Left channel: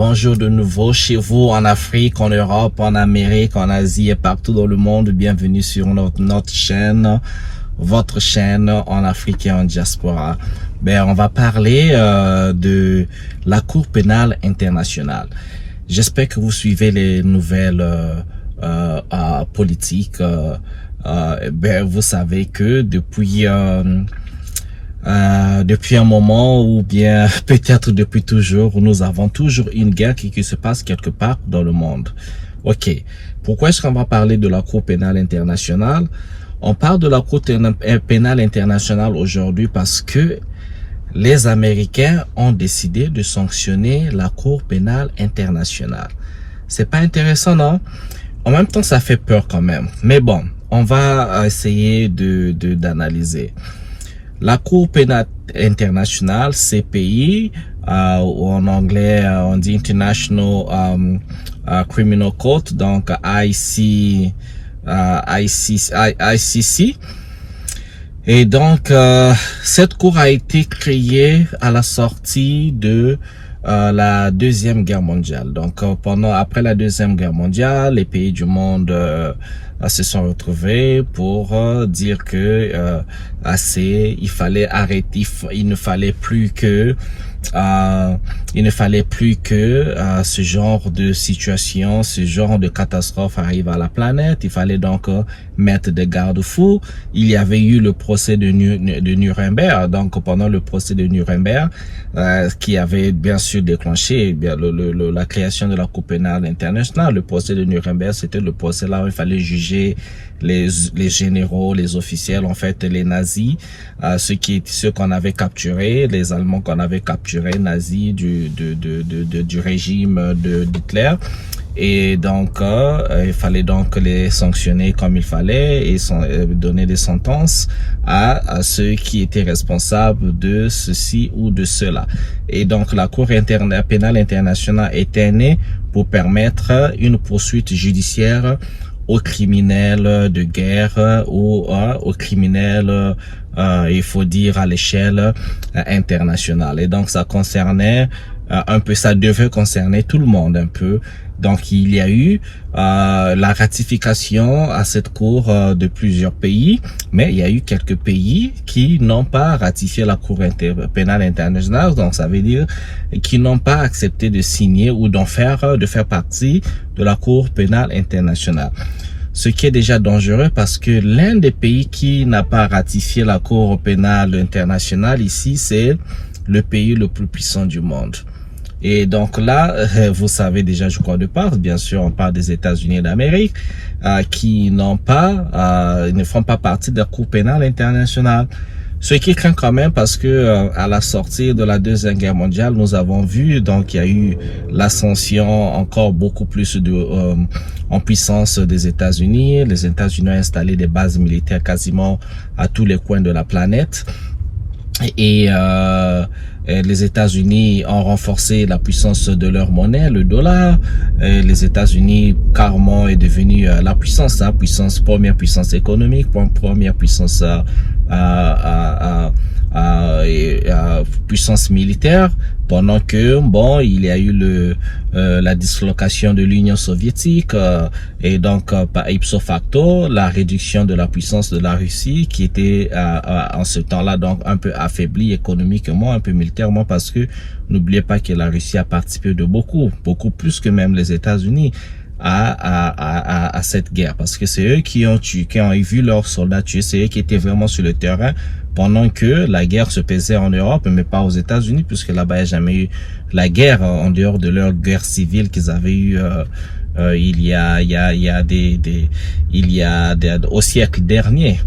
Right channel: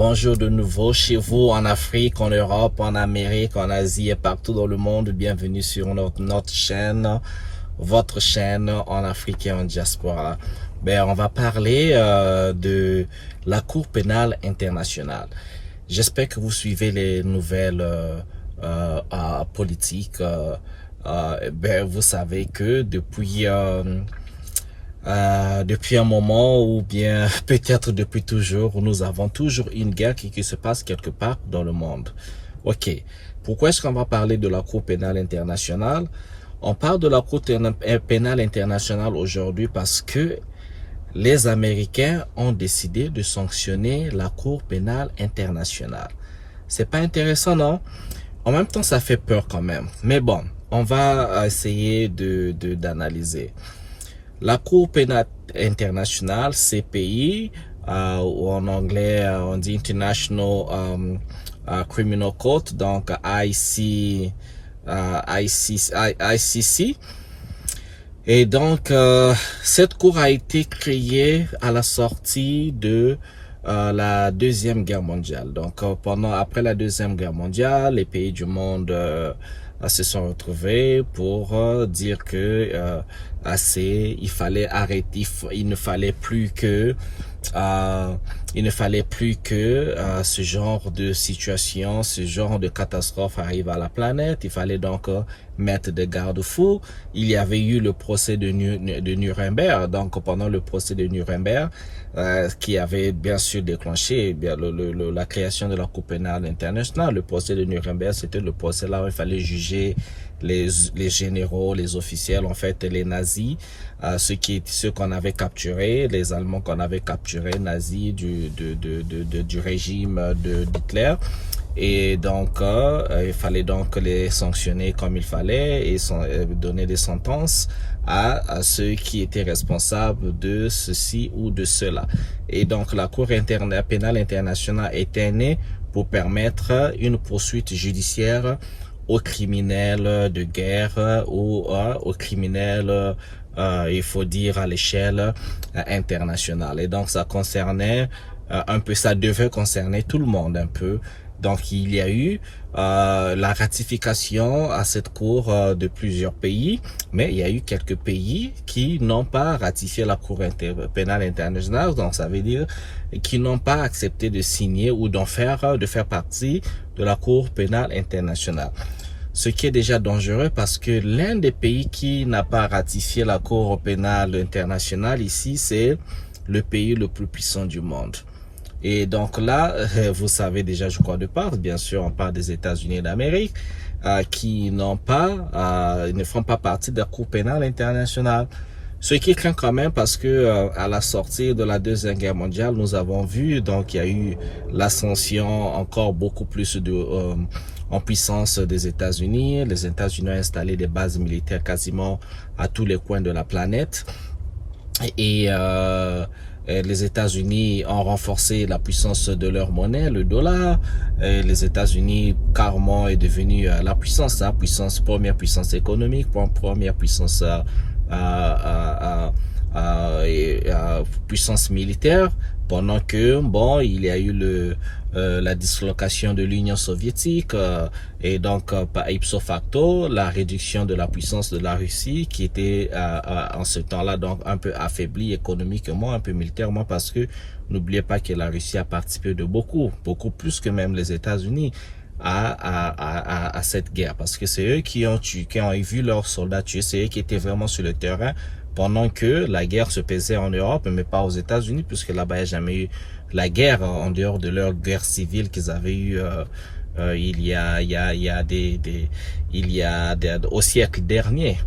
bonjour de nouveau chez vous en Afrique, en Europe, en Amérique, en Asie et partout dans le monde. Bienvenue sur notre chaîne, votre chaîne en Afrique et en diaspora. On va parler de la Cour pénale internationale. J'espère que vous suivez les nouvelles politiques. Vous savez que depuis un moment ou bien peut-être depuis toujours, nous avons toujours une guerre qui se passe quelque part dans le monde. Ok, pourquoi est-ce qu'on va parler de la Cour pénale internationale? On parle de la Cour pénale internationale aujourd'hui parce que les Américains ont décidé de sanctionner la Cour pénale internationale. C'est pas intéressant, non? En même temps, ça fait peur quand même. Mais bon, on va essayer d'analyser. La Cour pénale internationale, CPI, en anglais, on dit International Criminal Court, donc ICC. Et donc, cette cour a été créée à la sortie de la Deuxième Guerre mondiale. Donc, après la Deuxième Guerre mondiale, les pays du monde se sont retrouvés pour dire que il fallait arrêter, il ne fallait plus que ce genre de situation, ce genre de catastrophe arrive à la planète. Il fallait donc mettre des garde-fous. Il y avait eu le procès de Nuremberg. Donc pendant le procès de Nuremberg, qui avait bien sûr déclenché la création de la Cour pénale internationale. Le procès de Nuremberg, c'était le procès là où il fallait juger les généraux, les officiels, en fait, les nazis, ceux qu'on avait capturés, les Allemands qu'on avait capturés, nazis du régime d'Hitler. Et donc, il fallait donc les sanctionner comme il fallait et donner des sentences à ceux qui étaient responsables de ceci ou de cela. Et donc, la Cour pénale internationale était née pour permettre une poursuite judiciaire aux criminels de guerre ou aux criminels, il faut dire, à l'échelle internationale. Et donc, ça concernait ça devait concerner tout le monde un peu. Donc, il y a eu la ratification à cette cour de plusieurs pays, mais il y a eu quelques pays qui n'ont pas ratifié la Cour pénale internationale. Donc, ça veut dire qui n'ont pas accepté de signer ou de faire partie de la Cour pénale internationale. Ce qui est déjà dangereux parce que l'un des pays qui n'a pas ratifié la Cour pénale internationale ici, c'est le pays le plus puissant du monde. Et donc là, vous savez déjà, je crois, de part, bien sûr, on parle des États-Unis d'Amérique, qui ne font pas partie de la Cour pénale internationale. Ce qui craint quand même parce que à la sortie de la Deuxième Guerre mondiale, nous avons vu, donc il y a eu l'ascension encore beaucoup plus en puissance des États-Unis. Les États-Unis ont installé des bases militaires quasiment à tous les coins de la planète. Et les États-Unis ont renforcé la puissance de leur monnaie, le dollar. Les États-Unis carrément est devenu la première puissance économique, première puissance puissance militaire, pendant que il y a eu la dislocation de l'Union soviétique et donc par ipso facto la réduction de la puissance de la Russie qui était en ce temps-là donc un peu affaiblie économiquement, un peu militairement, parce que n'oubliez pas que la Russie a participé de beaucoup plus que même les États-Unis à cette guerre, parce que c'est eux qui ont vu leurs soldats tués, c'est eux qui étaient vraiment sur le terrain pendant que la guerre se faisait en Europe, mais pas aux États-Unis, puisque là-bas il n'y a jamais eu la guerre en dehors de leur guerre civile qu'ils avaient eu au siècle dernier.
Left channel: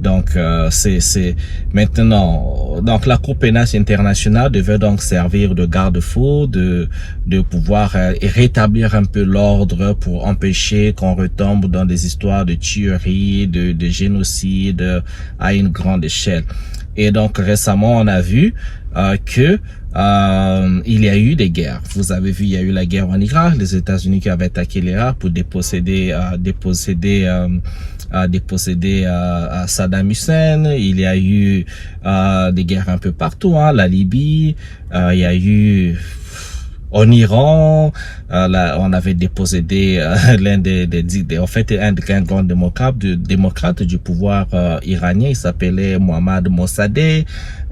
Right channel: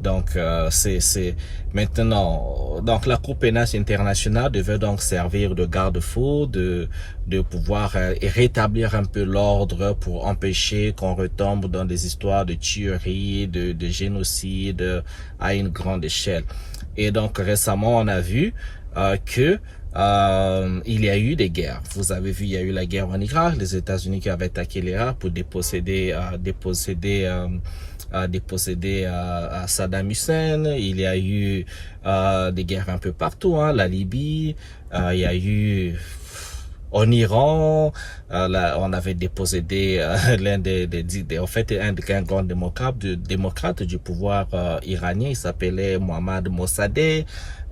Donc c'est maintenant, donc la Cour pénale internationale devait donc servir de garde-fou, de pouvoir rétablir un peu l'ordre pour empêcher qu'on retombe dans des histoires de tuerie, de génocide à une grande échelle. Et donc récemment on a vu que il y a eu des guerres. Vous avez vu, il y a eu la guerre en Irak, les États-Unis qui avaient attaqué l'Irak pour déposséder Saddam Hussein. Il y a eu des guerres un peu partout, la Libye. Il y a eu En Iran, on avait dépossédé l'un en fait, un grand démocrate du pouvoir iranien. Il s'appelait Mohammad Mossadegh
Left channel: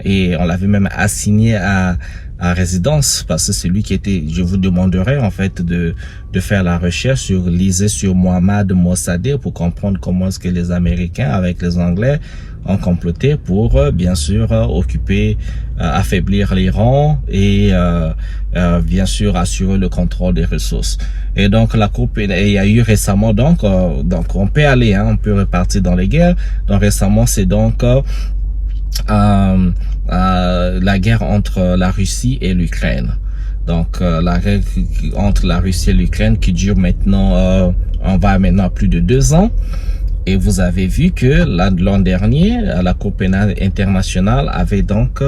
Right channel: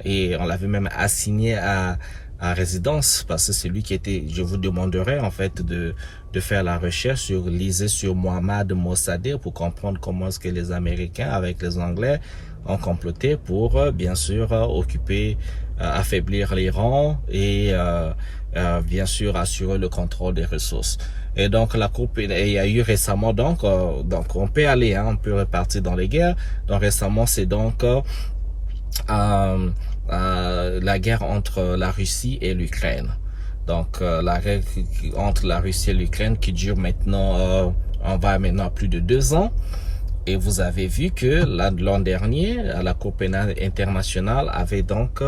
et on l'avait même assigné à résidence parce que c'est lui qui était. Je vous demanderai en fait de faire la recherche lisez sur Mohammad Mossadegh pour comprendre comment est-ce que les Américains avec les Anglais ont comploté pour bien sûr occuper, affaiblir l'Iran et bien sûr assurer le contrôle des ressources. Et donc la coupe, il y a eu récemment donc on peut aller, hein, on peut repartir dans les guerres. Donc récemment c'est donc la guerre entre la Russie et l'Ukraine. Donc la guerre entre la Russie et l'Ukraine qui dure maintenant, on va maintenant à plus de 2 ans. Et vous avez vu que l'an dernier, la Cour pénale internationale avait donc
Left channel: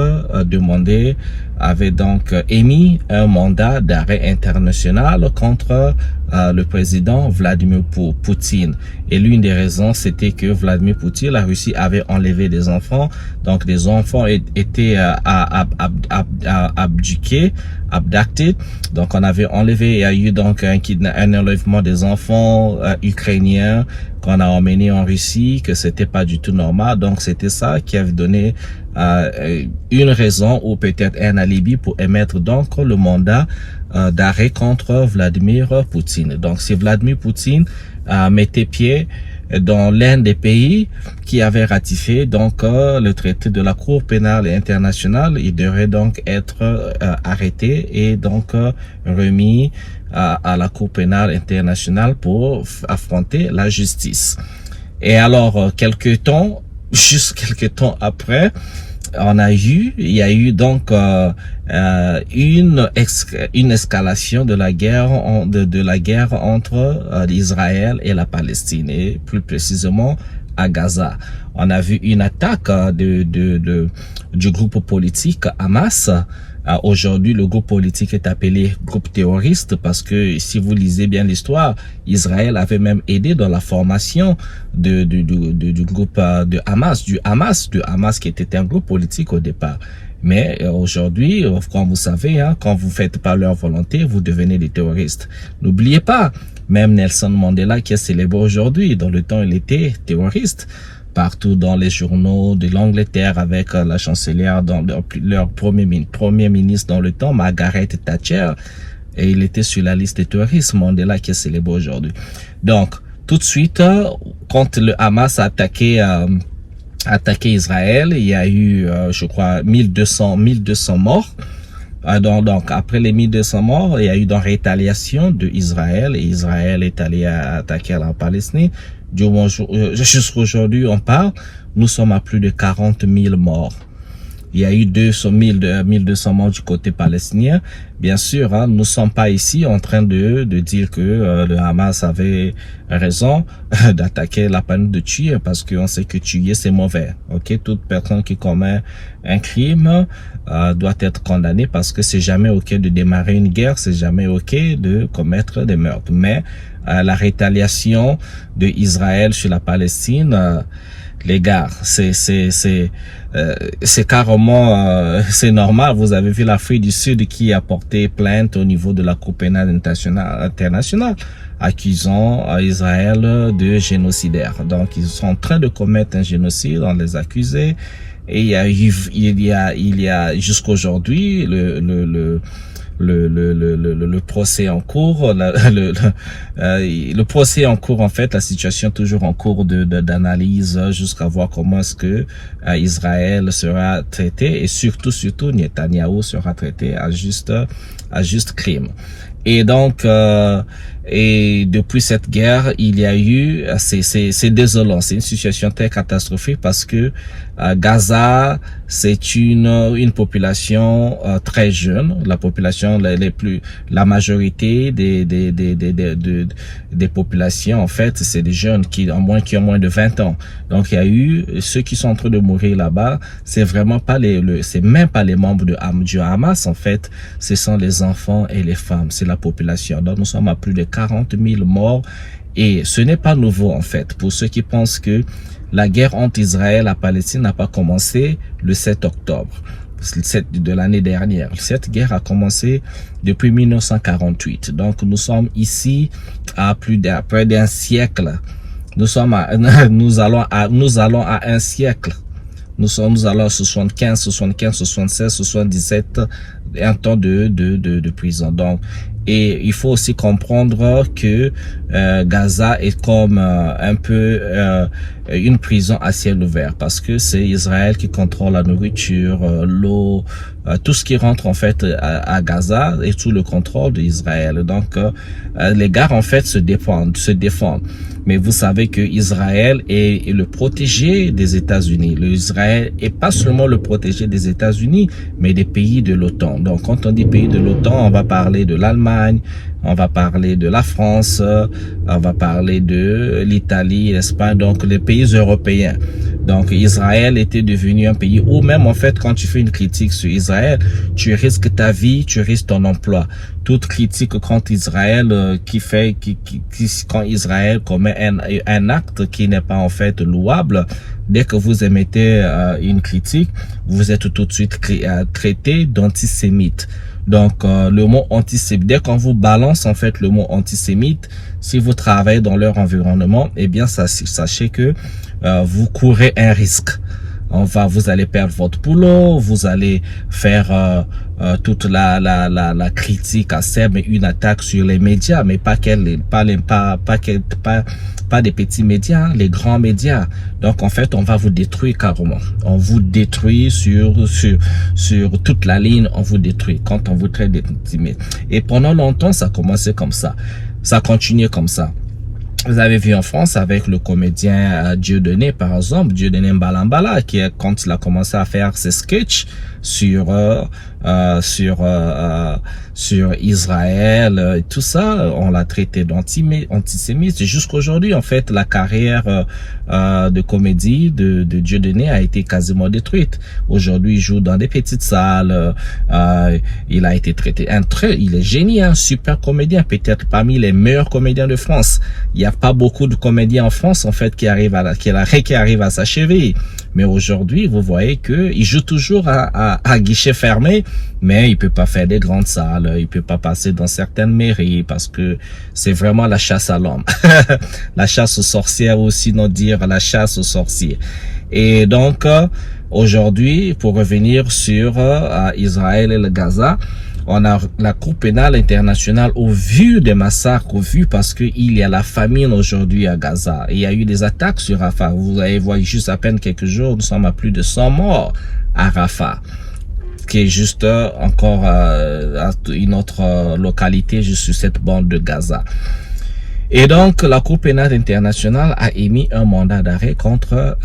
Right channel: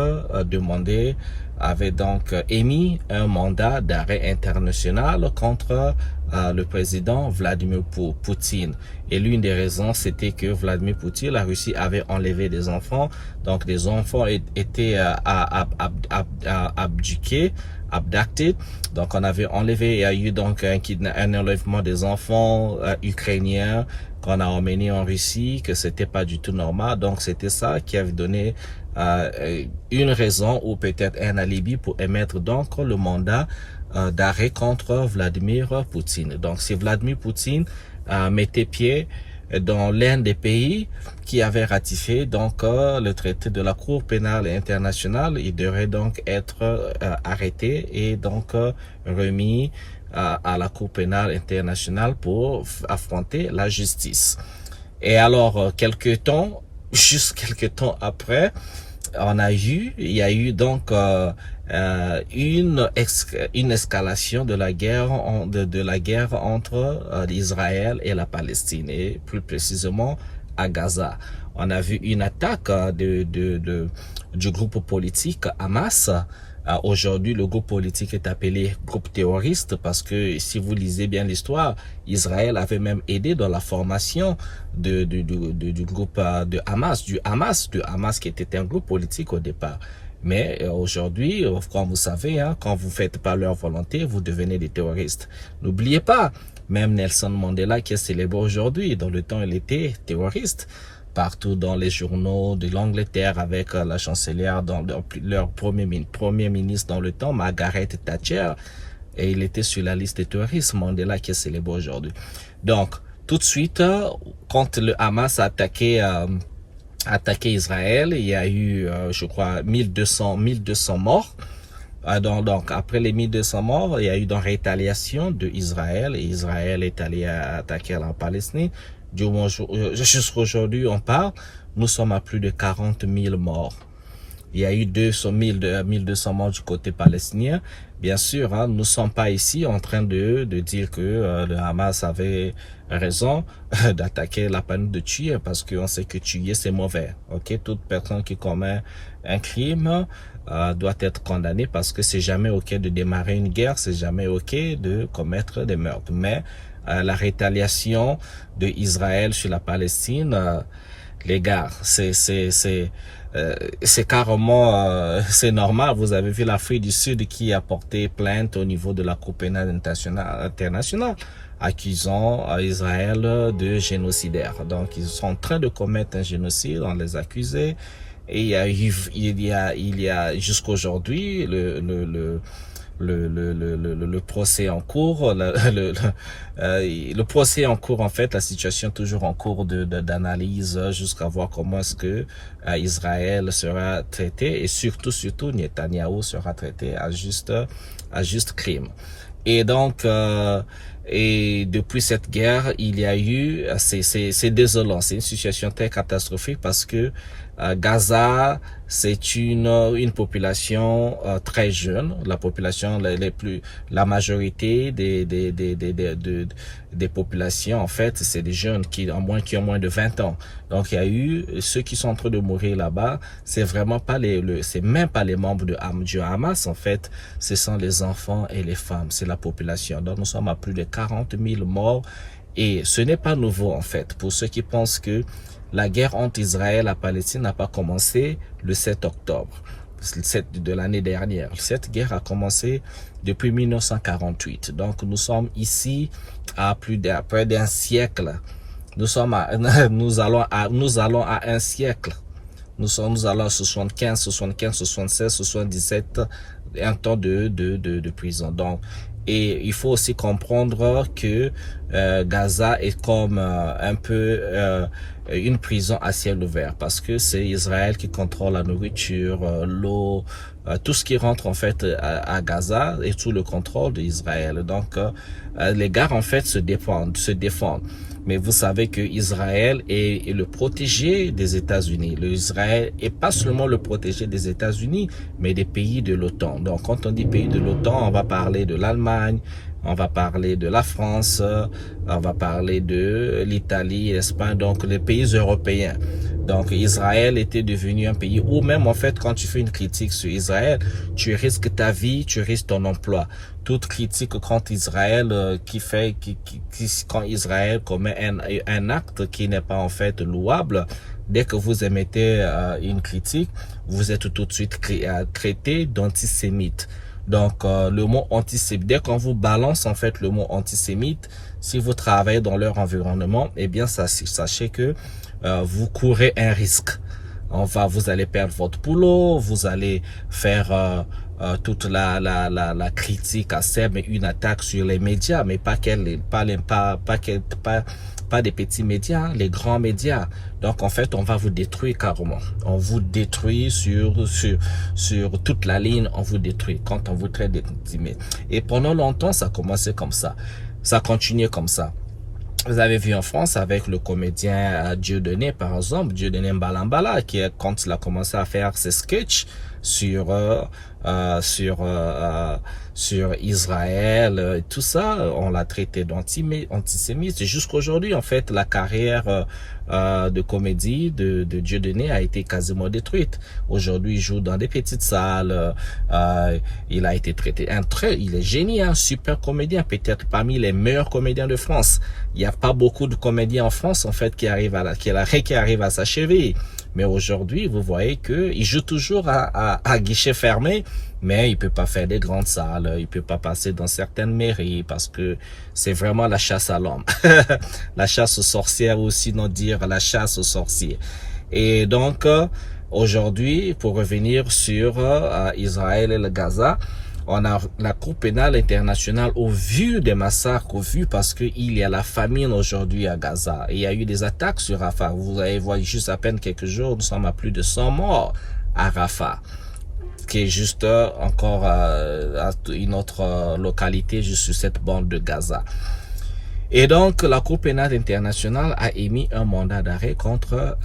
émis un mandat d'arrêt international contre le président Vladimir Poutine. Et l'une des raisons, c'était que Vladimir Poutine, la Russie avait enlevé des enfants. Donc, des enfants étaient abducted. Donc, on avait enlevé, il y a eu donc un enlèvement des enfants ukrainiens qu'on a emmené en Russie, que c'était pas du tout normal. Donc, c'était ça qui avait donné une raison ou peut-être un alibi pour émettre donc le mandat d'arrêt contre Vladimir Poutine. Donc, si Vladimir Poutine mettait pied dans l'un des pays qui avait ratifié donc le traité de la Cour pénale internationale, il devrait donc être arrêté et donc remis à la Cour pénale internationale pour affronter la justice. Et alors, juste quelques temps après, il y a eu donc une escalation de la guerre entre Israël et la Palestine et plus précisément à Gaza. On a vu une attaque du groupe politique Hamas. Aujourd'hui, le groupe politique est appelé groupe terroriste parce que si vous lisez bien l'histoire, Israël avait même aidé dans la formation du groupe du Hamas qui était un groupe politique au départ. Mais aujourd'hui, comme vous savez, hein, quand vous faites pas leur volonté, vous devenez des terroristes. N'oubliez pas, même Nelson Mandela qui est célébré aujourd'hui, dans le temps il était terroriste. Partout dans les journaux de l'Angleterre avec la chancelière, dans leur premier ministre dans le temps, Margaret Thatcher, et il était sur la liste des terroristes, Mandela qui est célébré aujourd'hui. Donc, tout de suite, quand le Hamas a attaqué Israël, il y a eu, je crois, 1200 morts. Donc, après les 1200 morts, il y a eu donc rétaliation de Israël, et Israël est allé attaquer la Palestine. Jusqu'aujourd'hui, on parle, nous sommes à plus de 40 000 morts. Il y a eu 1200 morts du côté palestinien. Bien sûr, hein, nous ne sommes pas ici en train de dire que le Hamas avait raison d'attaquer la peine de tuer parce qu'on sait que tuer c'est mauvais. Ok, toute personne qui commet un crime doit être condamnée parce que c'est jamais ok de démarrer une guerre, c'est jamais ok de commettre des meurtres. Mais la rétaliation de Israël sur la Palestine, les gars, c'est carrément, c'est normal. Vous avez vu l'Afrique du Sud qui a porté plainte au niveau de la Cour pénale internationale, accusant Israël de génocidaire. Donc, ils sont en train de commettre un génocide, on les accuse. Et il y a jusqu'aujourd'hui le procès en cours, le procès en cours, en fait, la situation toujours en cours d'analyse jusqu'à voir comment est-ce que Israël sera traité et surtout Netanyahou sera traité à juste crime. Et donc, et depuis cette guerre, il y a eu, c'est désolant, c'est une situation très catastrophique parce que Gaza, c'est une population très jeune, la population la majorité des populations en fait, c'est des jeunes qui ont moins de 20 ans. Donc il y a eu ceux qui sont en train de mourir là-bas, c'est vraiment pas c'est même pas les membres du Hamas en fait, ce sont les enfants et les femmes, c'est la population. Donc nous sommes à plus de 40 000 morts et ce n'est pas nouveau en fait pour ceux qui pensent que la guerre entre Israël et la Palestine n'a pas commencé le 7 octobre. de l'année dernière. Cette guerre a commencé depuis 1948. Donc, nous sommes ici à près d'un siècle. Nous allons à un siècle. Nous allons à 75, 76, 77, un temps de prison. Donc, et il faut aussi comprendre que Gaza est comme un peu une prison à ciel ouvert, parce que c'est Israël qui contrôle la nourriture, l'eau, tout ce qui rentre en fait à Gaza est sous le contrôle d'Israël. Donc les gars en fait se défendent. Mais vous savez que Israël est le protégé des États-Unis. Israël est pas seulement le protégé des États-Unis, mais des pays de l'OTAN. Donc quand on dit pays de l'OTAN, on va parler de l'Allemagne, on va parler de la France, on va parler de l'Italie, l'Espagne, donc les pays européens. Donc Israël était devenu un pays où même en fait quand tu fais une critique sur Israël, tu risques ta vie, tu risques ton emploi. Toute critique contre Israël quand Israël commet un acte qui n'est pas en fait louable, dès que vous émettez une critique, vous êtes tout de suite traité d'antisémite. Donc, le mot antisémite, dès qu'on vous balance en fait le mot antisémite, si vous travaillez dans leur environnement, eh bien, sachez que vous courez un risque. Vous allez perdre votre boulot, vous allez faire toute la critique acerbe, mais une attaque sur les médias, mais pas des petits médias, les grands médias. Donc en fait, on va vous détruire carrément. On vous détruit sur toute la ligne, on vous détruit quand on vous traite de petits médias. Et pendant longtemps, ça a commencé comme ça. Ça a continué comme ça. Vous avez vu en France avec le comédien Dieudonné, par exemple, Dieudonné Mbalambala, quand il a commencé à faire ses sketchs sur Israël et tout ça, on l'a traité d'antisémite. Jusqu'aujourd'hui, en fait, la carrière de comédie de Dieudonné a été quasiment détruite. Aujourd'hui, il joue dans des petites salles. Il a été traité il est génial, un super comédien, peut-être parmi les meilleurs comédiens de France. Il n'y a pas beaucoup de comédiens en France, en fait, qui arrivent à s'achever. Mais aujourd'hui, vous voyez que il joue toujours à guichet fermé, mais il peut pas faire des grandes salles, il peut pas passer dans certaines mairies parce que c'est vraiment la chasse à l'homme. La chasse aux sorcières, ou sinon dire la chasse aux sorciers. Et donc, aujourd'hui, pour revenir sur Israël et le Gaza, on a la Cour pénale internationale, au vu des massacres, parce que il y a la famine aujourd'hui à Gaza. Et il y a eu des attaques sur Rafah. Vous avez vu juste à peine quelques jours, nous sommes à plus de 100 morts à Rafah, qui est juste encore une autre localité juste sur cette bande de Gaza. Et donc, la Cour pénale internationale a émis un mandat d'arrêt contre,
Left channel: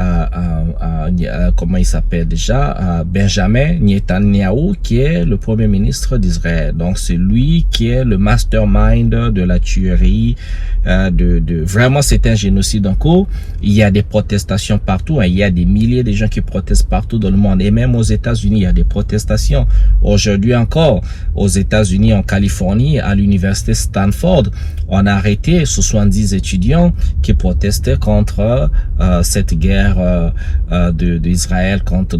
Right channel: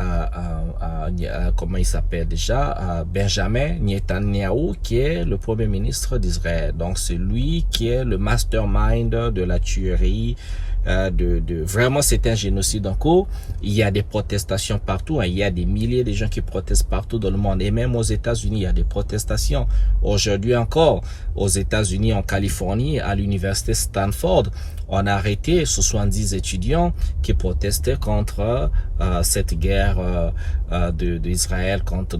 comment il s'appelle déjà, Benjamin Netanyahu, qui est le premier ministre d'Israël. Donc, c'est lui qui est le mastermind de la tuerie, vraiment, c'est un génocide en cours. Il y a des protestations partout, hein. Il y a des milliers de gens qui protestent partout dans le monde. Et même aux États-Unis, il y a des protestations. Aujourd'hui encore, aux États-Unis, en Californie, à l'université Stanford, on a arrêté 70 étudiants qui protestaient contre cette guerre d'Israël contre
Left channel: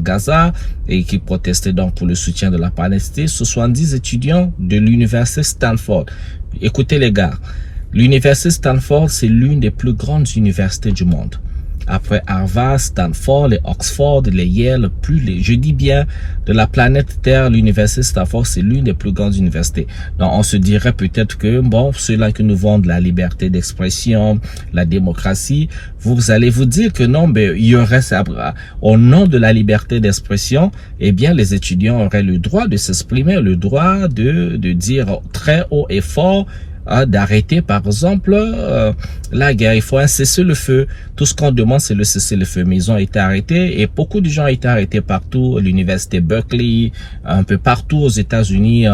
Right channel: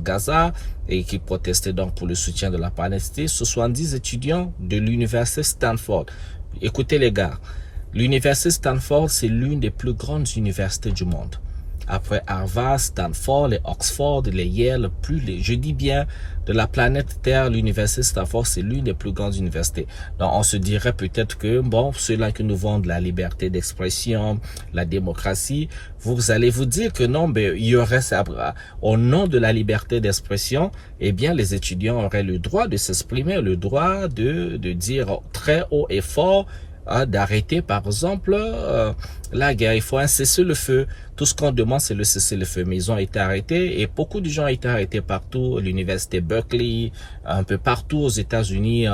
Gaza, et qui protestaient donc pour le soutien de la Palestine. 70 étudiants de l'université Stanford. Écoutez les gars, l'université Stanford, c'est l'une des plus grandes universités du monde. Après Harvard, Stanford, les Oxford, les Yale, je dis bien, de la planète Terre, l'université Stanford, c'est l'une des plus grandes universités. Donc, on se dirait peut-être que, bon, ceux-là qui nous vendent la liberté d'expression, la démocratie, vous allez vous dire que non, mais il y aurait ça, au nom de la liberté d'expression, eh bien, les étudiants auraient le droit de s'exprimer, le droit de dire très haut et fort, d'arrêter par exemple la guerre. Il faut un cessez-le-feu. Tout ce qu'on demande, c'est le cessez-le-feu. Mais ils ont été arrêtés, et beaucoup de gens ont été arrêtés partout, l'université Berkeley, un peu partout aux États-Unis,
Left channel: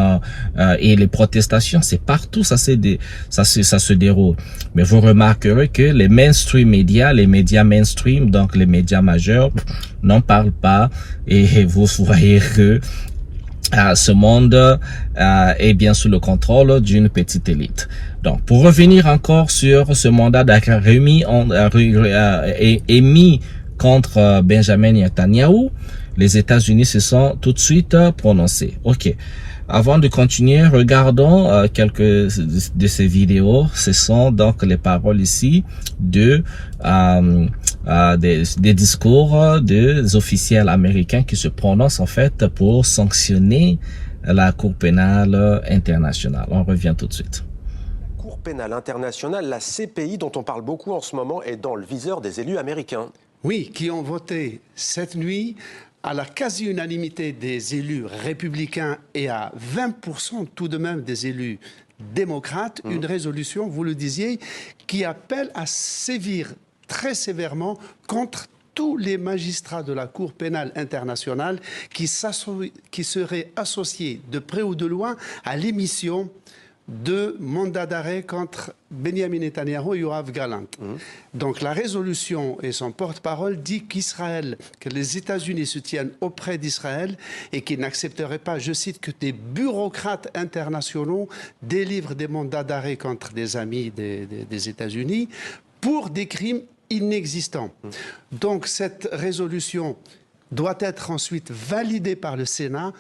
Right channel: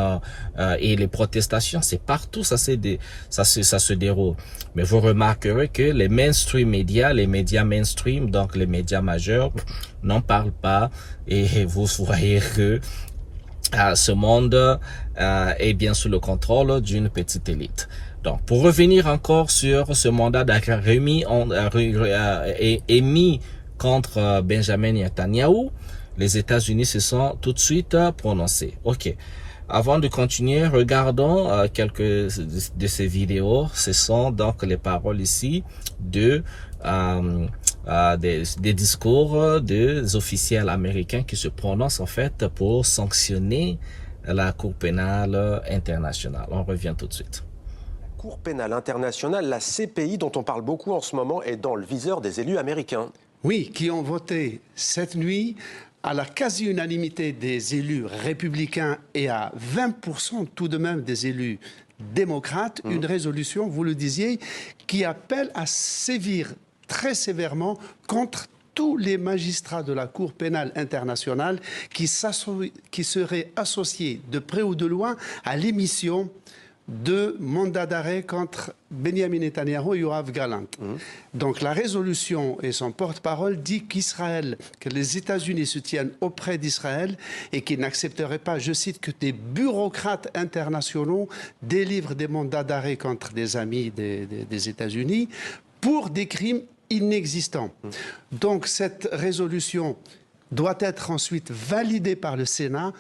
et les protestations, c'est partout, ça se déroule. Mais vous remarquerez que les mainstream médias, les médias mainstream, donc les médias majeurs, n'en parlent pas, et vous voyez que ce monde est bien sous le contrôle d'une petite élite. Donc, pour revenir encore sur ce mandat d'arrêt émis contre Benjamin Netanyahu, les États-Unis se sont tout de suite prononcés. OK. Avant de continuer, regardons quelques de ces vidéos. Ce sont donc les paroles ici des discours des officiels américains qui se prononcent en fait pour sanctionner la Cour pénale internationale. On revient tout de suite. La Cour pénale internationale, la CPI dont on parle beaucoup en ce moment, est dans le viseur des élus américains. Oui, qui ont voté cette nuit à la quasi-unanimité des élus républicains et à 20% tout de même des élus démocrates, une résolution, vous le disiez, qui appelle à sévir très sévèrement contre tous les magistrats de la Cour pénale internationale qui seraient associés de près ou de loin à l'émission de mandats d'arrêt contre Benjamin Netanyahu et Yoav Gallant. Donc la résolution et son porte-parole dit qu'Israël, que les États-Unis se tiennent auprès d'Israël et qu'ils n'accepteraient pas, je cite, que des bureaucrates internationaux délivrent des mandats d'arrêt contre des amis des États-Unis pour des crimes inexistants. Donc cette résolution doit être ensuite validée par le Sénat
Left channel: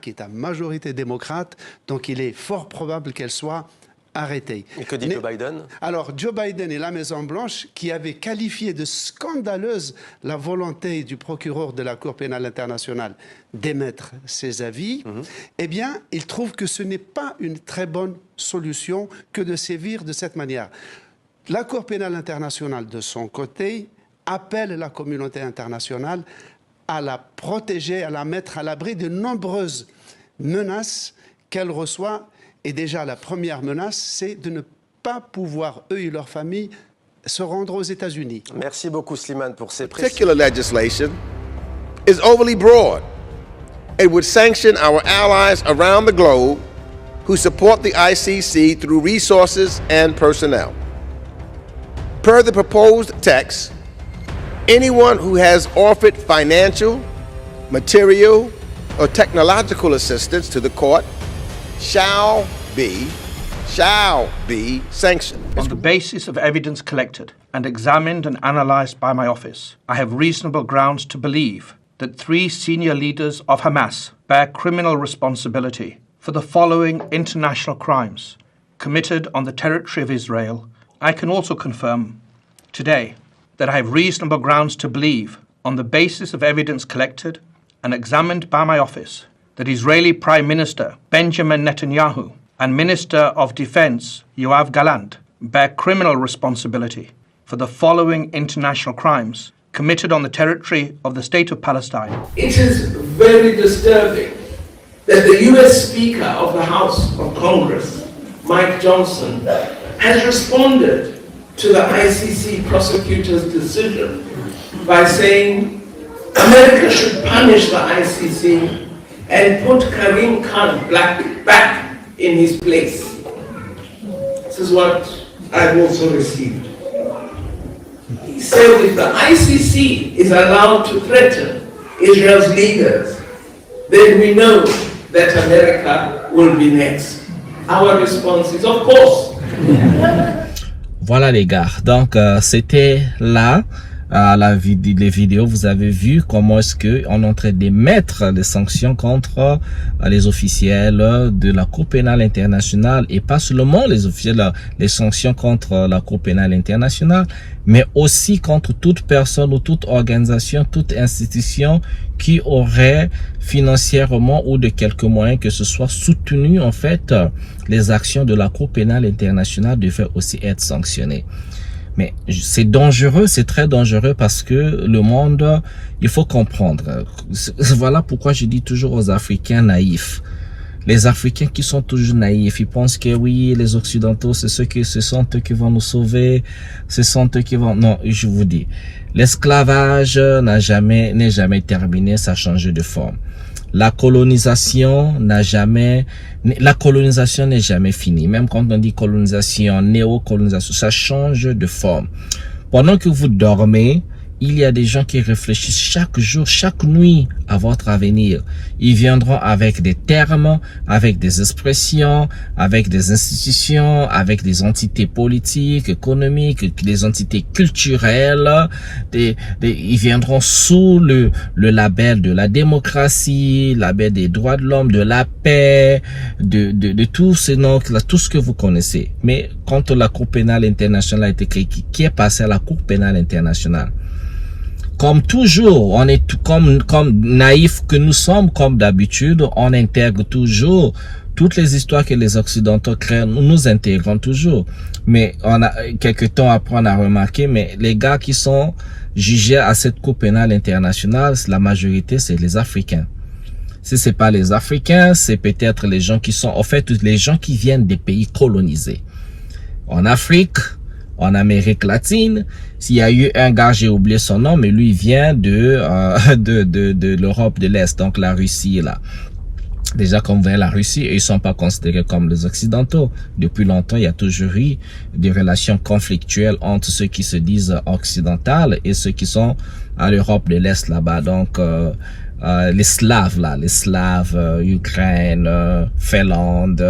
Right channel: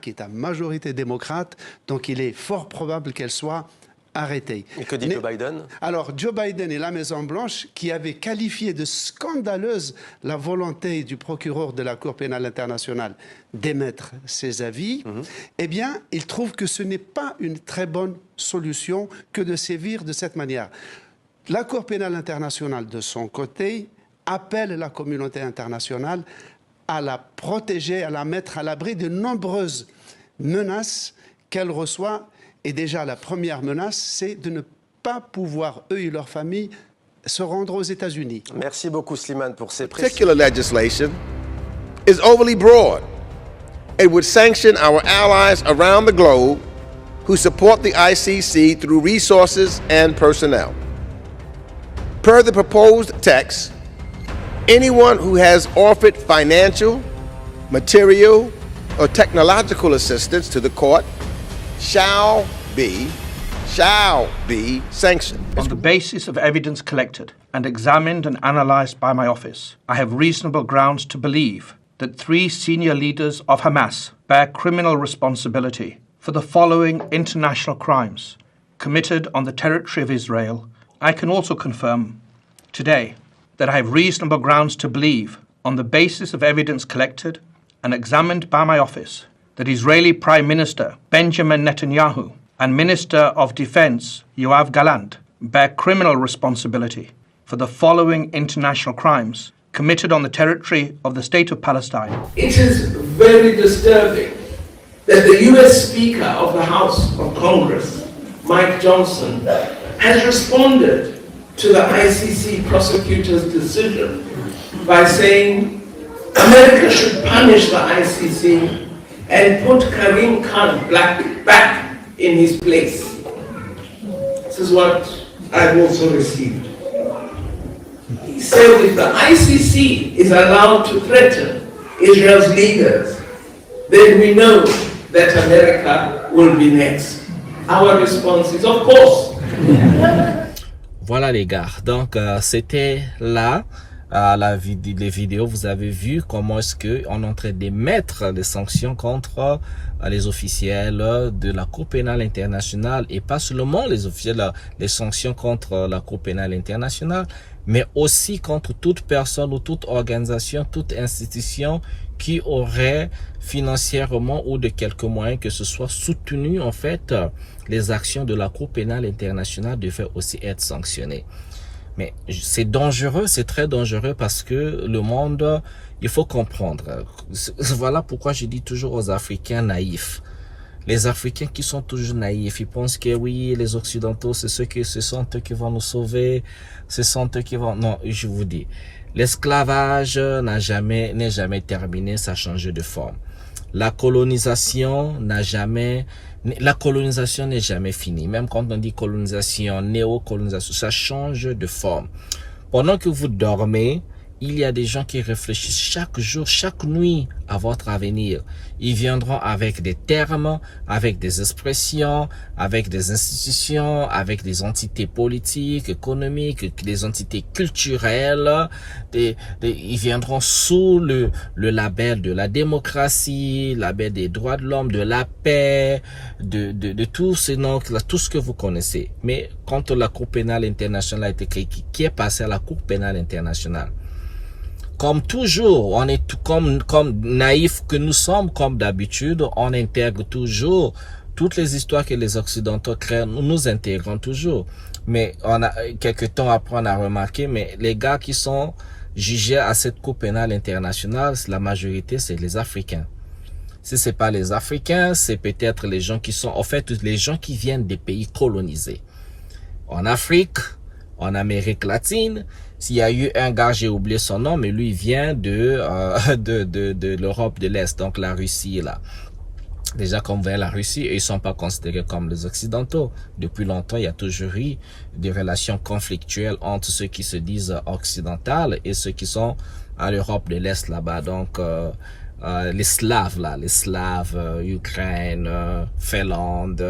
qui est à majorité démocrate, donc il est fort probable qu'elle soit arrêtée. Et que dit Joe Biden? Alors, Joe Biden et la Maison-Blanche, qui avaient qualifié de scandaleuse la volonté du procureur de la Cour pénale internationale d'émettre ses avis, eh bien, ils trouvent que ce n'est pas une très bonne solution que de sévir de cette manière. La Cour pénale internationale, de son côté, appelle la communauté internationale à la protéger, à la mettre à l'abri de nombreuses menaces qu'elle reçoit. Et déjà, la première menace, c'est de ne pas pouvoir, eux et leurs familles, se rendre aux États-Unis. Merci beaucoup, Slimane, pour ces précisions. Particular legislation is overly broad. It would sanction our allies around the globe who support the ICC through resources and personnel. Per the proposed text, anyone who has offered financial, material, or technological assistance to the court shall be sanctioned. On the basis of evidence collected and examined and analyzed by my office, I have reasonable grounds to believe that 3 senior leaders of Hamas bear criminal responsibility for the following international crimes committed on the territory of Israel. I can also confirm today that I have reasonable grounds to believe, on the basis of evidence collected and examined by my office, that Israeli Prime Minister Benjamin Netanyahu and Minister of Defense Yoav Gallant bear criminal responsibility for the following international crimes committed on the territory of the State of Palestine. It is very disturbing that the US Speaker of the House of Congress, Mike Johnson, has responded to the ICC prosecutor's decision by saying America should punish the ICC and put Karim Khan back in his place. This is what I've also received. He said if the ICC is allowed to threaten Israel's leaders, then we know that America will be next. Our response is, of course. Voilà les gars, donc c'était là les vidéos, vous avez vu comment est-ce que on est en train d'émettre des sanctions contre les officiels de la Cour pénale internationale, et pas seulement les officiels, les sanctions contre la Cour pénale internationale, mais aussi contre toute personne ou toute organisation, toute institution qui aurait financièrement ou de quelques moyens que ce soit soutenu en fait les actions de la Cour pénale internationale devaient aussi être sanctionnées. Mais c'est dangereux, c'est très dangereux parce que le monde, il faut comprendre. Voilà pourquoi je dis toujours aux Africains naïfs. Les Africains qui sont toujours naïfs, ils pensent que oui, les Occidentaux, ce sont eux qui vont nous sauver, ce sont eux qui vont... Non, je vous dis, l'esclavage n'est jamais terminé, ça a changé de forme. La colonisation n'est jamais finie. Même quand on dit colonisation, néocolonisation, ça change de forme. Pendant que vous dormez, Il y a des gens qui réfléchissent chaque jour, chaque nuit à votre avenir. Ils viendront avec des termes, avec des expressions, avec des institutions, avec des entités politiques, économiques, des entités culturelles. Ils viendront sous le label de la démocratie, label des droits de l'homme, de la paix, de tous ces noms, tout ce que vous connaissez. Mais quand la Cour pénale internationale a été créée, qui est passé à la Cour pénale internationale? Comme toujours, on est comme naïfs que nous sommes, comme d'habitude, on intègre toujours toutes les histoires que les Occidentaux créent, nous intégrons toujours. Mais quelques temps après, on a remarqué, mais les gars qui sont jugés à cette Cour pénale internationale, la majorité, c'est les Africains. Si c'est pas les Africains, c'est peut-être les gens qui sont, en fait, les gens qui viennent des pays colonisés. En Afrique, en Amérique latine, s'il y a eu un gars, j'ai oublié son nom, mais lui vient de l'Europe de l'Est, donc la Russie là. Déjà, comme vous voyez, la Russie, ils sont pas considérés comme les Occidentaux. Depuis longtemps, il y a toujours eu des relations conflictuelles entre ceux qui se disent occidentaux et ceux qui sont à l'Europe de l'Est là-bas. Donc, les Slaves là, les Slaves, Ukraine, Finlande,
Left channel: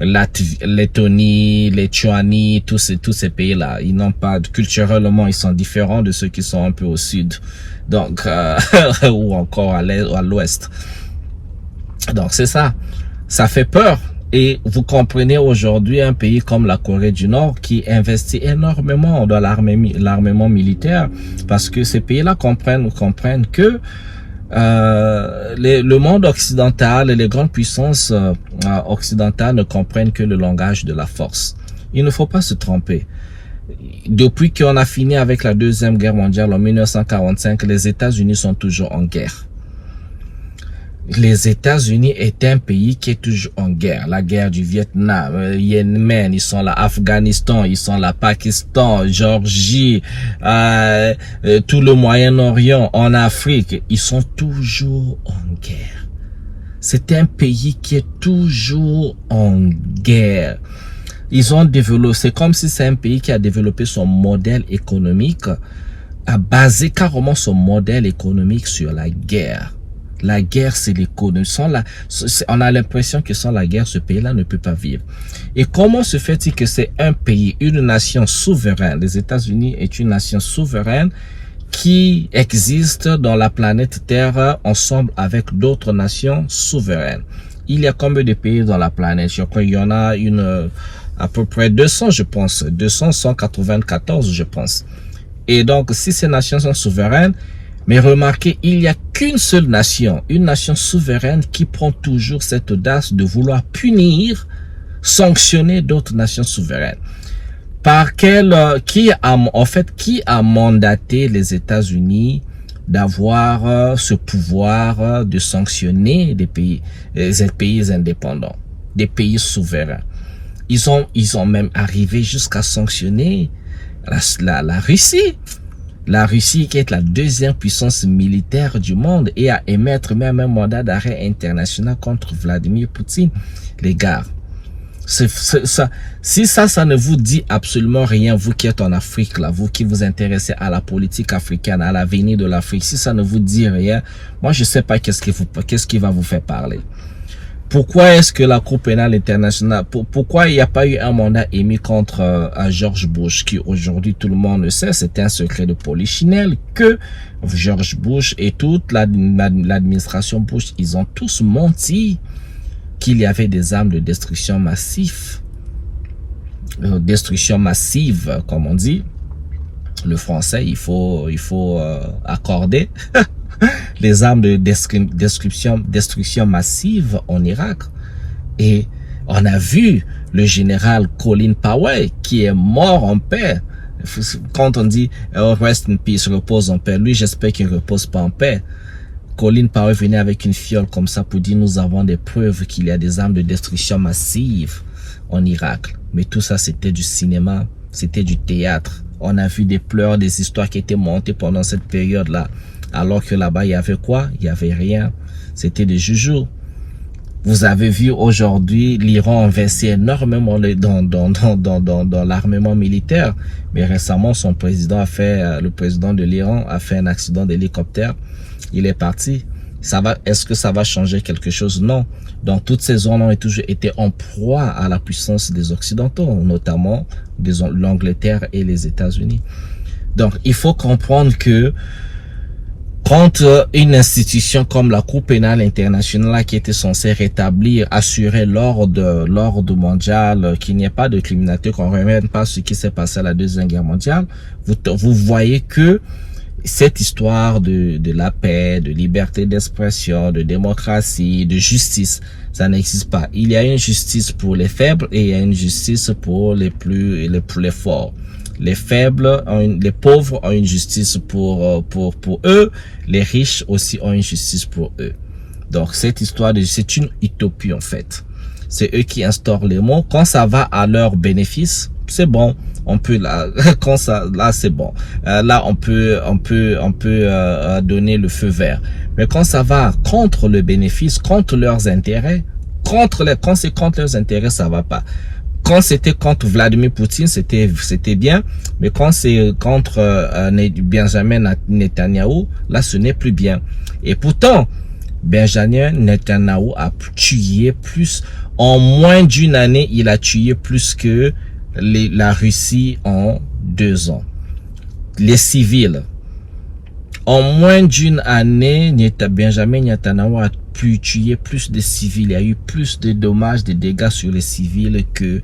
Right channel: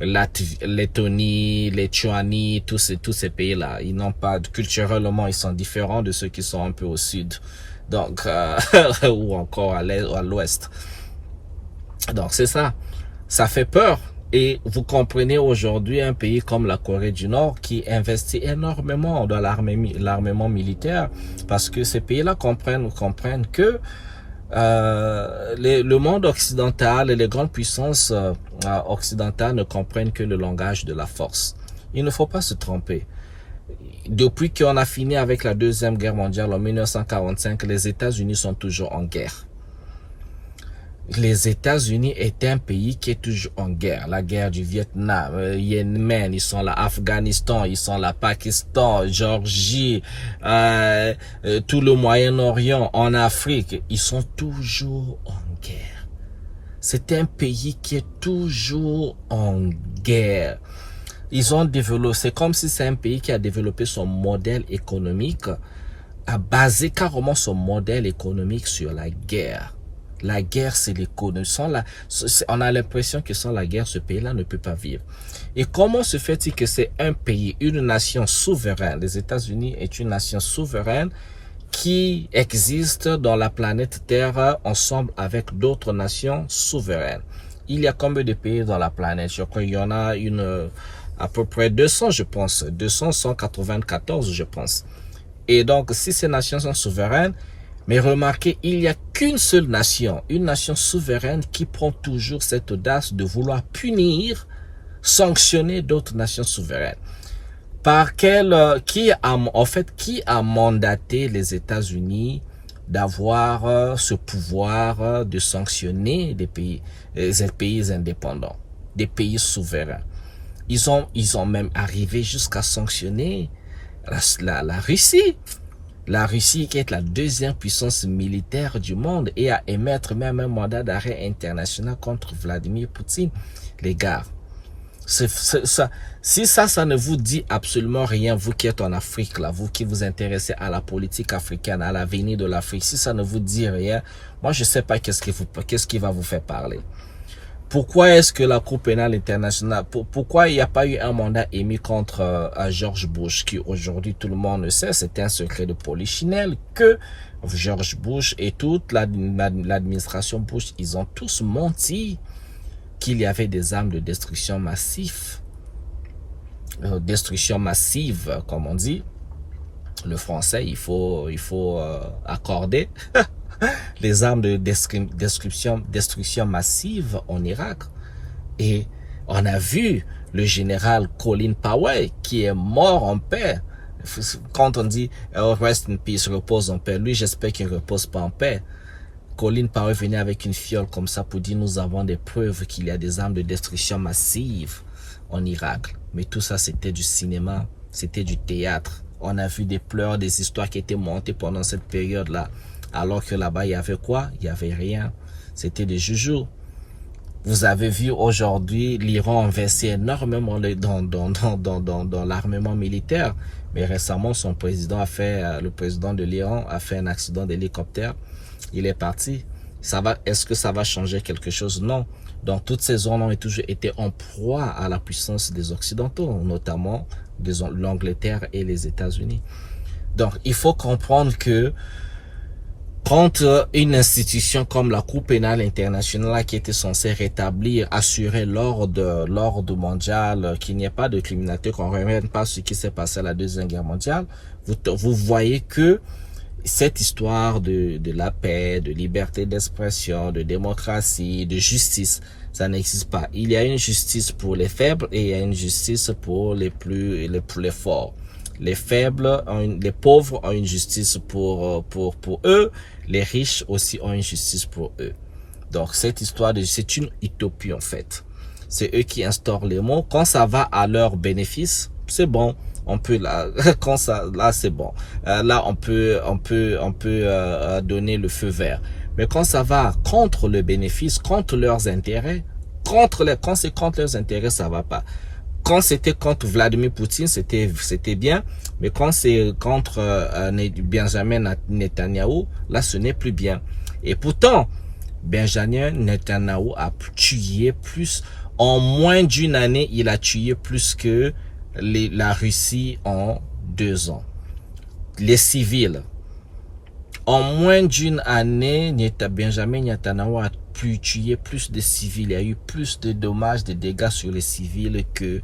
Lettonie, Lituanie, tous ces pays-là, ils n'ont pas, culturellement, ils sont différents de ceux qui sont un peu au sud, donc ou encore à l'est ou à l'ouest. Donc c'est ça, ça fait peur. Et vous comprenez aujourd'hui un pays comme la Corée du Nord qui investit énormément dans l'armement militaire, parce que ces pays-là comprennent que le monde occidental et les grandes puissances occidentales ne comprennent que le langage de la force. Il ne faut pas se tromper. Depuis qu'on a fini avec la Deuxième Guerre mondiale en 1945, les États-Unis sont toujours en guerre. Les États-Unis est un pays qui est toujours en guerre. La guerre du Vietnam, Yémen, ils sont là, Afghanistan, ils sont là, Pakistan, Géorgie, tout le Moyen-Orient, en Afrique, ils sont toujours en guerre. C'est un pays qui est toujours en guerre. Ils ont développé, c'est comme si c'est un pays qui a développé son modèle économique, a basé carrément son modèle économique sur la guerre. La guerre, c'est l'économie. On a l'impression que sans la guerre, ce pays-là ne peut pas vivre. Et comment se fait-il que c'est un pays, une nation souveraine? Les États-Unis est une nation souveraine qui existe dans la planète Terre ensemble avec d'autres nations souveraines. Il y a combien de pays dans la planète? Je crois qu'il y en a à peu près 200, je pense. 194, je pense. Et donc, si ces nations sont souveraines, mais remarquez, il n'y a qu'une seule nation, une nation souveraine qui prend toujours cette audace de vouloir punir, sanctionner d'autres nations souveraines. Qui a mandaté les États-Unis d'avoir ce pouvoir de sanctionner des pays indépendants, des pays souverains? Ils ont même arrivé jusqu'à sanctionner la Russie. La Russie qui est la deuxième puissance militaire du monde et à émettre même un mandat d'arrêt international contre Vladimir Poutine. Les gars, si ça ne vous dit absolument rien, vous qui êtes en Afrique, là, vous qui vous intéressez à la politique africaine, à l'avenir de l'Afrique, si ça ne vous dit rien, moi je sais pas qu'est-ce qui va vous faire parler. Pourquoi est-ce que la Cour pénale internationale, pourquoi il n'y a pas eu un mandat émis contre George Bush, qui aujourd'hui tout le monde le sait, c'était un secret de polichinelle, que George Bush et toute l'administration Bush, ils ont tous menti qu'il y avait des armes de destruction massive, comme on dit. Le français, il faut accorder. Les armes de destruction massive en Irak. Et on a vu le général Colin Powell qui est mort en paix. Quand on dit rest in peace, repose en paix, lui j'espère qu'il ne repose pas en paix. Colin Powell venait avec une fiole comme ça pour dire nous avons des preuves qu'il y a des armes de destruction massive en Irak. Mais tout ça c'était du cinéma, c'était du théâtre. On a vu des pleurs, des histoires qui étaient montées pendant cette période-là. Alors que là-bas, il y avait quoi? Il y avait rien. C'était des joujoux. Vous avez vu aujourd'hui l'Iran investir énormément dans l'armement militaire, mais récemment le président de l'Iran a fait un accident d'hélicoptère. Il est parti. Est-ce que ça va changer quelque chose? Non. Donc toutes ces zones ont toujours été en proie à la puissance des Occidentaux, notamment l'Angleterre et les États-Unis. Donc il faut comprendre que quand une institution comme la Cour pénale internationale qui était censée rétablir, assurer l'ordre mondial, qu'il n'y ait pas de criminalité, qu'on ne remette pas ce qui s'est passé à la Deuxième Guerre mondiale, vous voyez que cette histoire de la paix, de liberté d'expression, de démocratie, de justice, ça n'existe pas. Il y a une justice pour les faibles et il y a une justice pour les forts. Les faibles, les pauvres ont une justice pour eux. Les riches aussi ont une justice pour eux. Donc, cette histoire c'est une utopie, en fait. C'est eux qui instaurent les mots. Quand ça va à leur bénéfice, c'est bon. On peut là, c'est bon. Là, on peut donner le feu vert. Mais quand ça va contre le bénéfice, contre leurs intérêts, quand c'est contre leurs intérêts, ça va pas. Quand c'était contre Vladimir Poutine, c'était bien, mais quand c'est contre Benjamin Netanyahou, là ce n'est plus bien. Et pourtant, Benjamin Netanyahou a tué plus, en moins d'une année, il a tué plus que la Russie en 2 ans. Les civils. En moins d'une année, Benjamin Netanyahou a pu tuer plus de civils. Il y a eu plus de dommages, de dégâts sur les civils que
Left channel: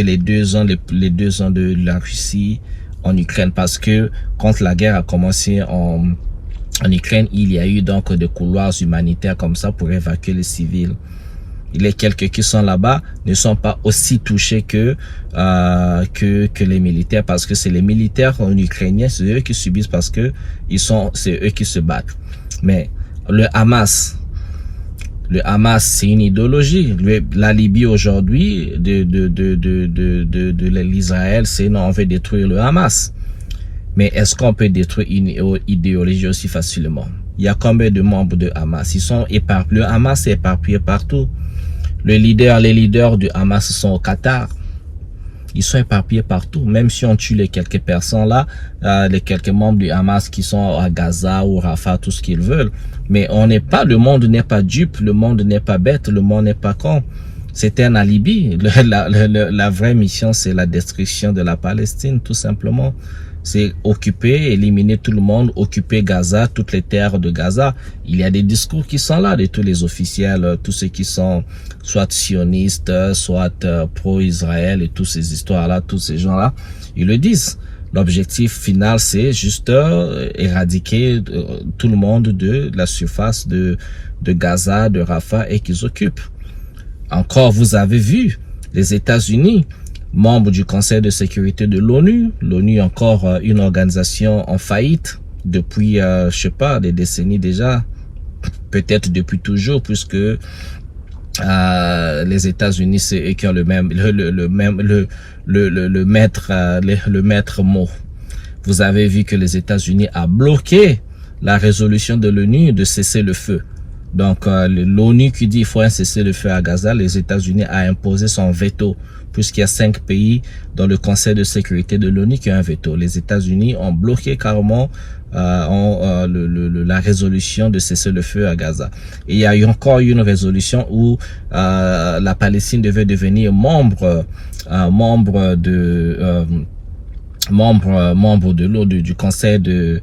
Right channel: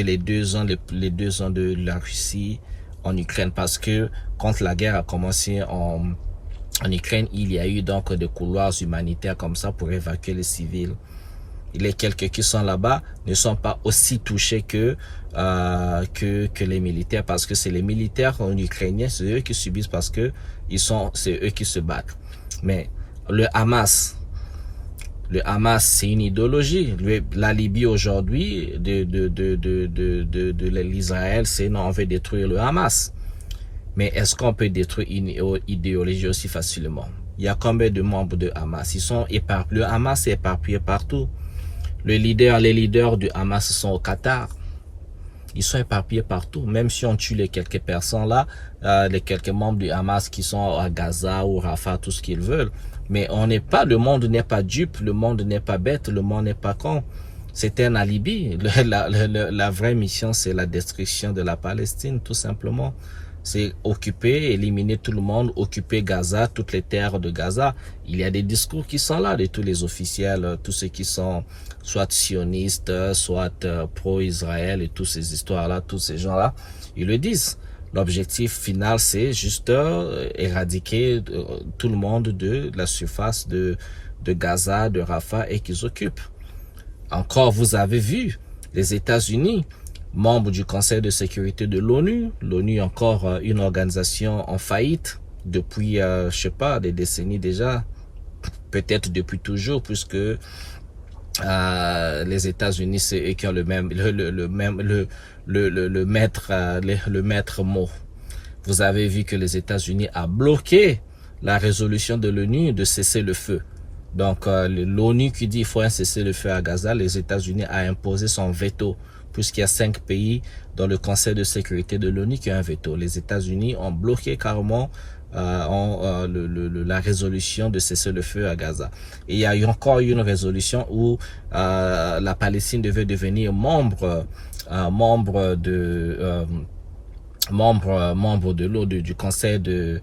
les 2 ans de la Russie en Ukraine. Parce que quand la guerre a commencé en Ukraine, il y a eu donc des couloirs humanitaires comme ça pour évacuer les civils. Les quelques qui sont là-bas ne sont pas aussi touchés que les militaires, parce que c'est les militaires ukrainiens, c'est eux qui subissent parce que c'est eux qui se battent. Mais le Hamas, c'est une idéologie. La Libye aujourd'hui, de l'Israël, c'est non, on veut détruire le Hamas. Mais est-ce qu'on peut détruire une idéologie aussi facilement? Il y a combien de membres de Hamas? Ils sont éparpillés. Le Hamas est éparpillé partout. Les leaders du Hamas sont au Qatar. Ils sont éparpillés partout. Même si on tue les quelques personnes là, les quelques membres du Hamas qui sont à Gaza ou Rafah, tout ce qu'ils veulent. Mais le monde n'est pas dupe, le monde n'est pas bête, le monde n'est pas con. C'est un alibi. La vraie mission, c'est la destruction de la Palestine, tout simplement. C'est occuper, éliminer tout le monde, occuper Gaza, toutes les terres de Gaza. Il y a des discours qui sont là de tous les officiels, tous ceux qui sont soit sionistes, soit pro-Israël et toutes ces histoires-là, tous ces gens-là, ils le disent. L'objectif final, c'est juste éradiquer tout le monde de la surface de Gaza, de Rafah et qu'ils occupent. Encore, vous avez vu les États-Unis, membres du Conseil de sécurité de l'ONU. L'ONU est encore une organisation en faillite depuis, je sais pas, des décennies déjà, peut-être depuis toujours, puisque les États-Unis, c'est eux qui ont le maître mot. Vous avez vu que les États-Unis a bloqué la résolution de l'ONU de cesser le feu. Donc, l'ONU qui dit qu'il faut un cessez-le-feu à Gaza, les États-Unis a imposé son veto, puisqu'il y a 5 pays dans le Conseil de sécurité de l'ONU qui ont un veto. Les États-Unis ont bloqué carrément la résolution de cessez-le-feu à Gaza. Et il y a eu encore une résolution où la Palestine devait devenir membre de l'ONU, du Conseil de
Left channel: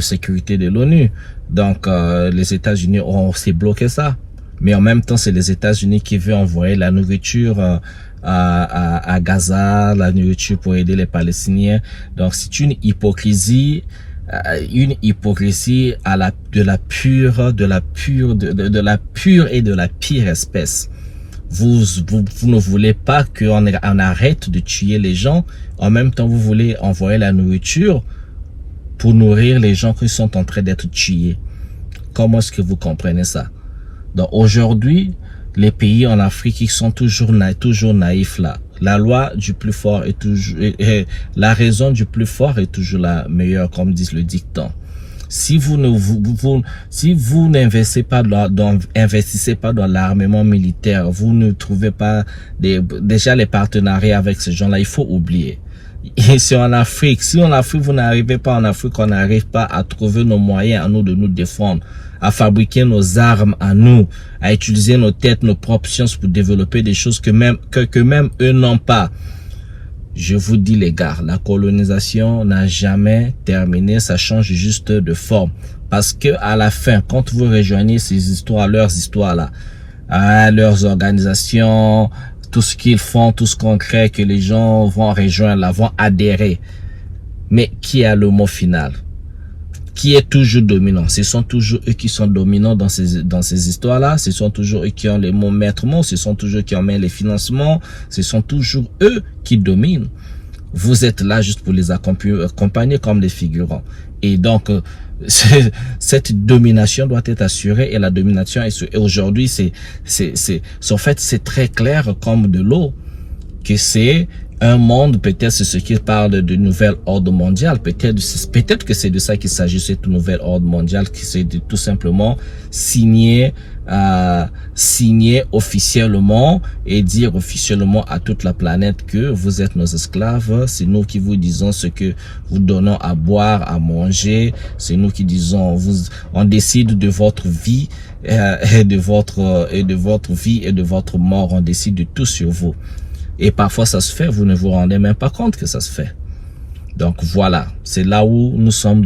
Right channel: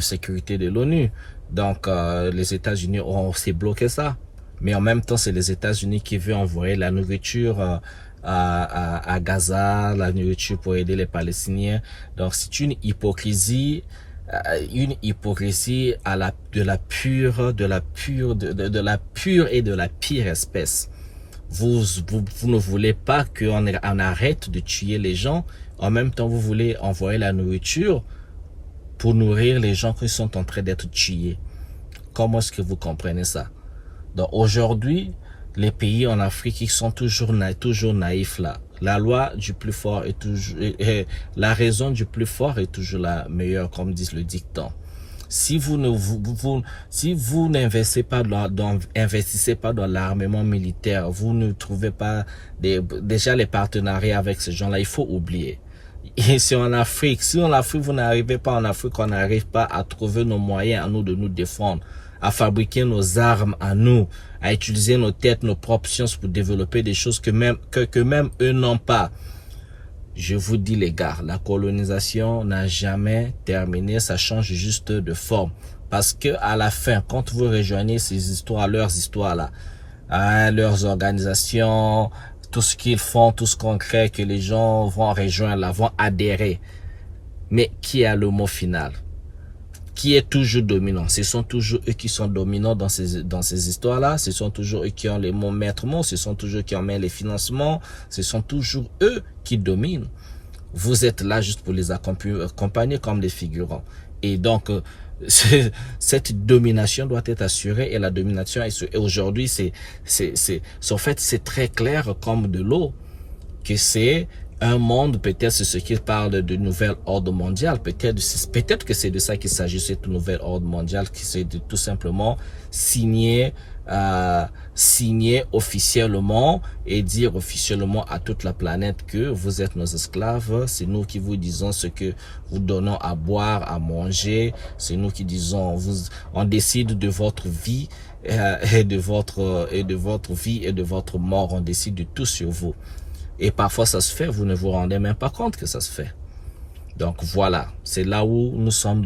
sécurité de l'ONU. Donc, les États-Unis ont aussi bloqué ça. Mais en même temps, c'est les États-Unis qui veulent envoyer la nourriture à Gaza, la nourriture pour aider les Palestiniens. Donc, c'est une hypocrisie de la pure et de la pire espèce. Vous ne voulez pas qu'on arrête de tuer les gens. En même temps, vous voulez envoyer la nourriture pour nourrir les gens qui sont en train d'être tués. Comment est-ce que vous comprenez ça? Donc aujourd'hui, les pays en Afrique qui sont toujours naïfs là, la loi du plus fort est toujours, la raison du plus fort est toujours la meilleure, comme dit le dicton. Si vous n'investissez pas dans l'armement militaire, vous ne trouvez pas déjà les partenariats avec ces gens-là, il faut oublier. Et si en Afrique, vous n'arrivez pas en Afrique, on n'arrive pas à trouver nos moyens à nous de nous défendre, à fabriquer nos armes à nous, à utiliser nos têtes, nos propres sciences pour développer des choses que même eux n'ont pas. Je vous dis les gars, la colonisation n'a jamais terminé, ça change juste de forme. Parce que à la fin, quand vous rejoignez ces histoires, leurs histoires là, leurs organisations, tout ce qu'ils font, tout ce qu'on crée, que les gens vont rejoindre là, vont adhérer. Mais qui a le mot final? Qui est toujours dominant? Ce sont toujours eux qui sont dominants dans ces histoires-là. Ce sont toujours eux qui ont les mots maîtres mots. Ce sont toujours eux qui ont les financements. Ce sont toujours eux qui dominent. Vous êtes là juste pour les accompagner comme des figurants. Et donc, cette domination doit être assurée. Et la domination, aujourd'hui, en fait, c'est très clair comme de l'eau que c'est un monde, peut-être c'est ce qui parle de nouvelle ordre mondial, peut-être que c'est de ça qu'il s'agit, cette nouvelle ordre mondial, qui c'est de tout simplement signer officiellement et dire officiellement à toute la planète que vous êtes nos esclaves, c'est nous qui vous disons ce que vous donnons à boire, à manger, c'est nous qui disons, on décide de votre vie et de votre vie et de votre mort, on décide de tout sur vous. Et parfois ça se fait, vous ne vous rendez même pas compte que ça se fait. Donc voilà, c'est là où nous sommes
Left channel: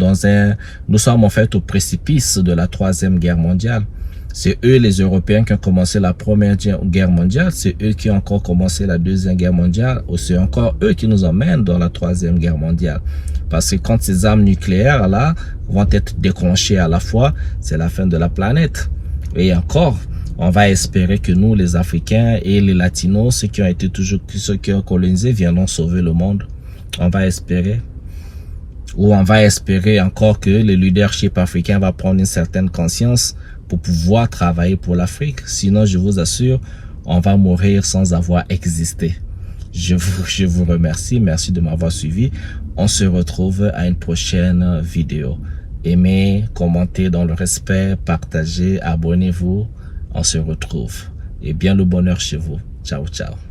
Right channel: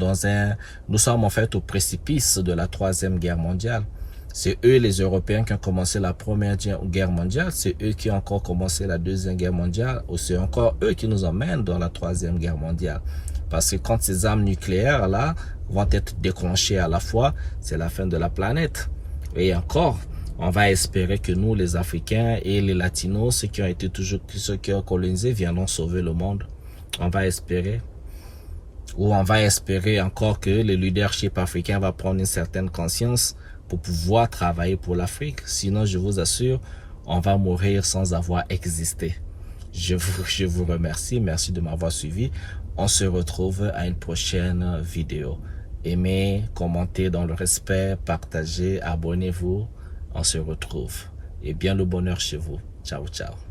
nous sommes en fait au précipice de la 3e guerre mondiale. C'est eux les Européens qui ont commencé la 1re guerre mondiale, c'est eux qui ont encore commencé la 2e guerre mondiale, ou c'est encore eux qui nous emmènent dans la 3e guerre mondiale. Parce que quand ces armes nucléaires là vont être déclenchées à la fois, c'est la fin de la planète. Et encore, on va espérer que nous, les Africains et les Latinos, ceux qui ont colonisé, viendront sauver le monde. On va espérer. Ou on va espérer encore que le leadership africain va prendre une certaine conscience pour pouvoir travailler pour l'Afrique. Sinon, je vous assure, on va mourir sans avoir existé. Je vous remercie. Merci de m'avoir suivi. On se retrouve à une prochaine vidéo. Aimez, commentez dans le respect, partagez, abonnez-vous. On se retrouve. Et bien le bonheur chez vous. Ciao, ciao.